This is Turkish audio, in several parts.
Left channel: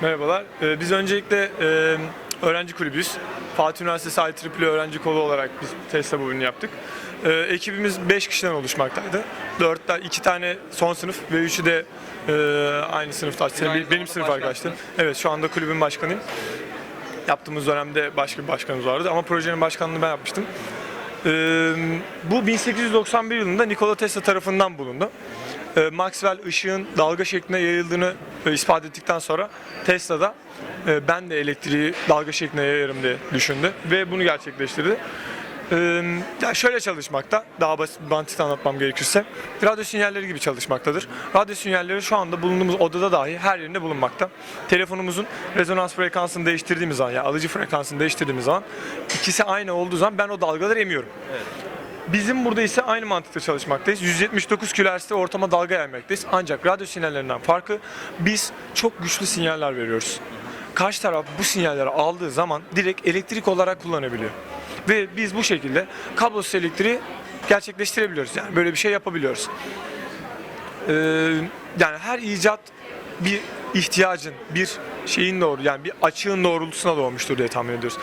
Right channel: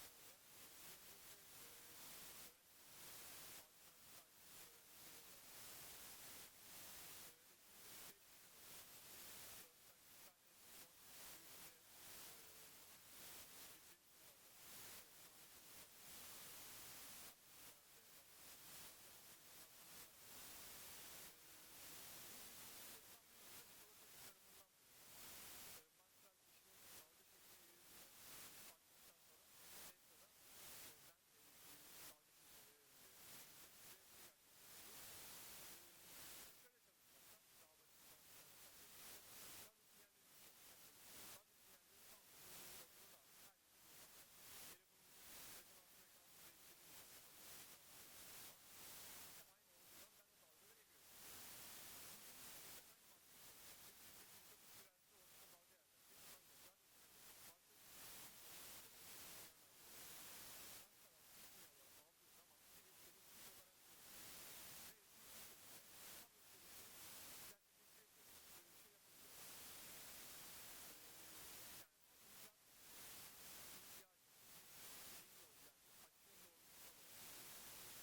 Merhabalar. Ee, biz öncelikle e, öğrenci kulübüyüz. Fatih Üniversitesi IEEE öğrenci kolu olarak biz Tesla bölümünü yaptık. Ee, ekibimiz 5 kişiden oluşmaktaydı. 4 2 tane son sınıf ve 3'ü de e, aynı sınıfta. benim zamanda sınıf arkadaşlarım. Evet şu anda kulübün başkanıyım. Yaptığımız dönemde başka bir başkanımız vardı ama projenin başkanlığını ben yapmıştım. Ee, bu 1891 yılında Nikola Tesla tarafından bulundu. Ee, Maxwell ışığın dalga şeklinde yayıldığını e, ispat ettikten sonra Tesla da e, ben de elektriği dalga şeklinde yayarım diye düşündü ve bunu gerçekleştirdi. Ee, ya şöyle çalışmakta, daha basit bir mantıkla anlatmam gerekirse, radyo sinyalleri gibi çalışmaktadır. Radyo sinyalleri şu anda bulunduğumuz odada dahi her yerinde bulunmakta. Telefonumuzun rezonans frekansını değiştirdiğimiz zaman, yani alıcı frekansını değiştirdiğimiz zaman, ikisi aynı olduğu zaman ben o dalgaları emiyorum. Bizim burada ise aynı mantıkla çalışmaktayız. 179 kHz'de ortama dalga yaymaktayız. Ancak radyo sinyallerinden farkı biz çok güçlü sinyaller veriyoruz. Karşı taraf bu sinyalleri aldığı zaman direkt elektrik olarak kullanabiliyor. Ve biz bu şekilde kablosuz elektriği gerçekleştirebiliyoruz. Yani böyle bir şey yapabiliyoruz. Ee, yani her icat bir ihtiyacın, bir şeyin doğru yani bir açığın doğrultusuna doğmuştur diye tahmin ediyoruz.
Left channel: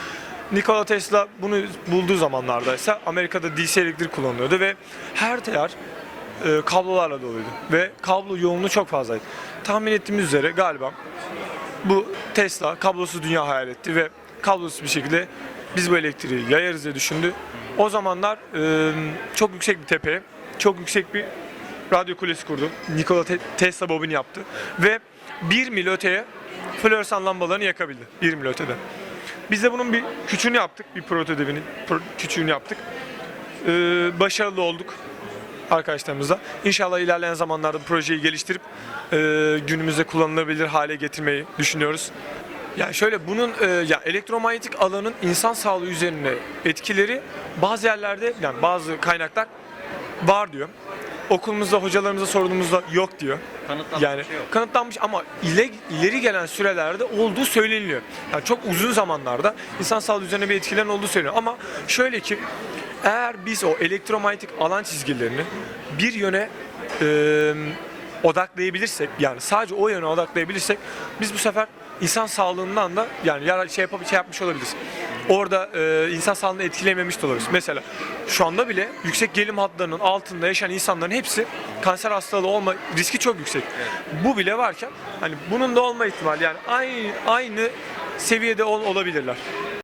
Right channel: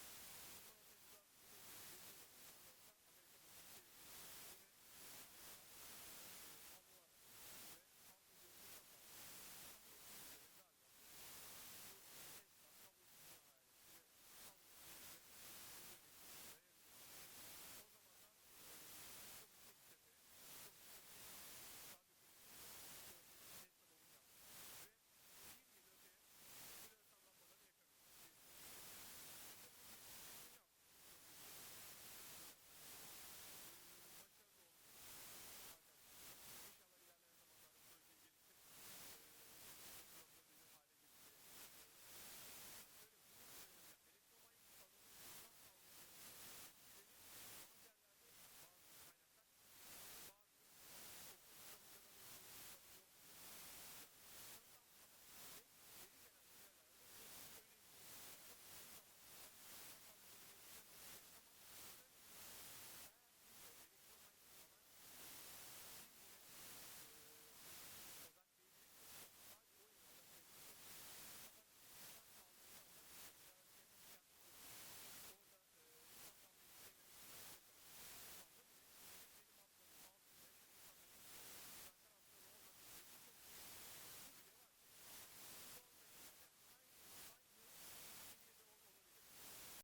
Nikola Tesla bunu bulduğu zamanlarda ise Amerika'da DC elektrik kullanılıyordu ve her teyer e, kablolarla doluydu ve kablo yoğunluğu çok fazlaydı. Tahmin ettiğimiz üzere galiba bu Tesla kablosuz dünya hayal etti ve kablosuz bir şekilde biz bu elektriği yayarız diye düşündü. O zamanlar e, çok yüksek bir tepeye, çok yüksek bir radyo kulesi kurdu. Nikola Te- Tesla bobini yaptı ve 1 mil öteye floresan lambalarını yakabildi. 1 mil ötede. Biz de bunun bir küçüğünü yaptık, bir prototipini pro- küçüğünü yaptık. Ee, başarılı olduk arkadaşlarımızla. İnşallah ilerleyen zamanlarda projeyi geliştirip e, günümüzde kullanılabilir hale getirmeyi düşünüyoruz. Yani şöyle bunun e, ya elektromanyetik alanın insan sağlığı üzerine etkileri bazı yerlerde yani bazı kaynaklar var diyor. Okulumuzda hocalarımıza sorduğumuzda yok diyor. Kanıtlanmış Yani şey yok. kanıtlanmış ama ile, ileri gelen sürelerde olduğu söyleniliyor. Yani çok uzun zamanlarda insan sağlığı üzerine bir etkilerin olduğu söyleniyor. Ama şöyle ki eğer biz o elektromanyetik alan çizgilerini bir yöne e, odaklayabilirsek yani sadece o yöne odaklayabilirsek biz bu sefer insan sağlığından da yani şey yapıp şey yapmış olabiliriz. Orada e, insan sağlığını etkilememiş de olabiliriz. Mesela şu anda bile yüksek gelim hatlarının altında yaşayan insanların hepsi kanser hastalığı olma riski çok yüksek. Bu bile varken hani bunun da olma ihtimali yani aynı aynı seviyede ol- olabilirler.